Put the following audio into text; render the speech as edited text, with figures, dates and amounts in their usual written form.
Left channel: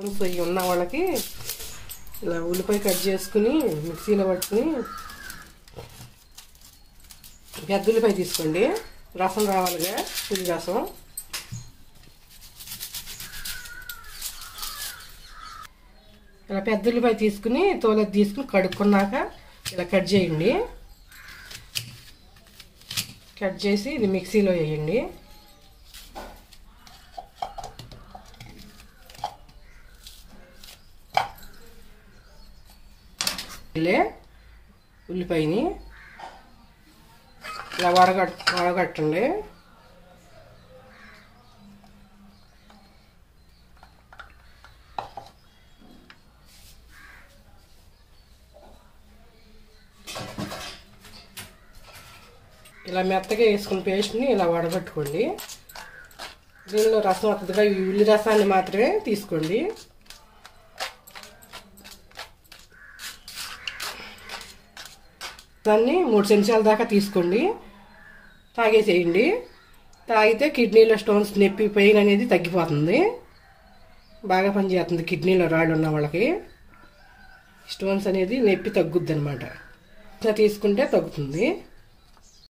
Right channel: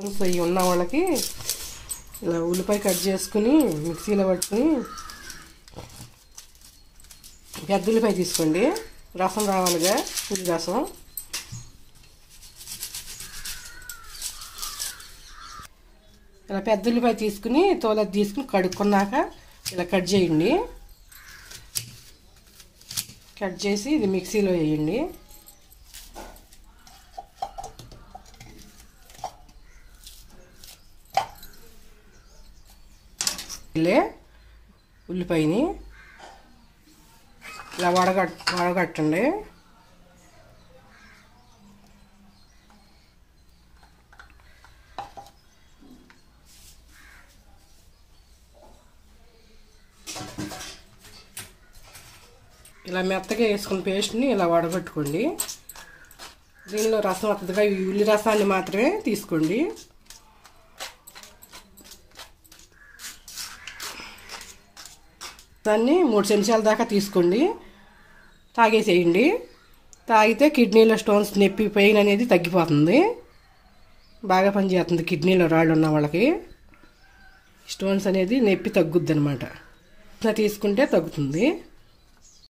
ఇవి ఉన్న వాళ్ళకి ఇలా ఉల్లిపాయ కట్ చేసుకుని మిక్సీలో పట్టుకుని పెద్ద ఉల్లిపాయ తీసుకోండి. రసం కావాలిగా, పులి రసం. ఇలా పెద్ద ఉల్లిపాయ తీసుకుని తోలది తీసుకుని కడుక్కున్నాక ఇలా కట్ చేయండి. కట్ చేసి ఇది మిక్సీలో వేయండి. ఉల్లిపాయని ఇలా వడగట్టండి. ఇలా మెత్తగా వేసుకుని పేస్ట్ని ఇలా వడగట్టుకోండి. దీనిలో రసం వస్తుందిగా, ఈ ఉల్లి రసాన్ని మాత్రమే తీసుకోండి. దాన్ని 3 చెంచాల దాకా తీసుకోండి. తాగేసేయండి. తాగితే కిడ్నీలో స్టోన్స్ నొప్పి పెయిన్ అనేది తగ్గిపోతుంది. బాగా పనిచేస్తుంది. కిడ్నీలో రాళ్ళు ఉన్న వాళ్ళకి స్టోన్స్ అనేది నొప్పి తగ్గుద్ది అనమాట. తీసుకుంటే తగ్గుతుంది.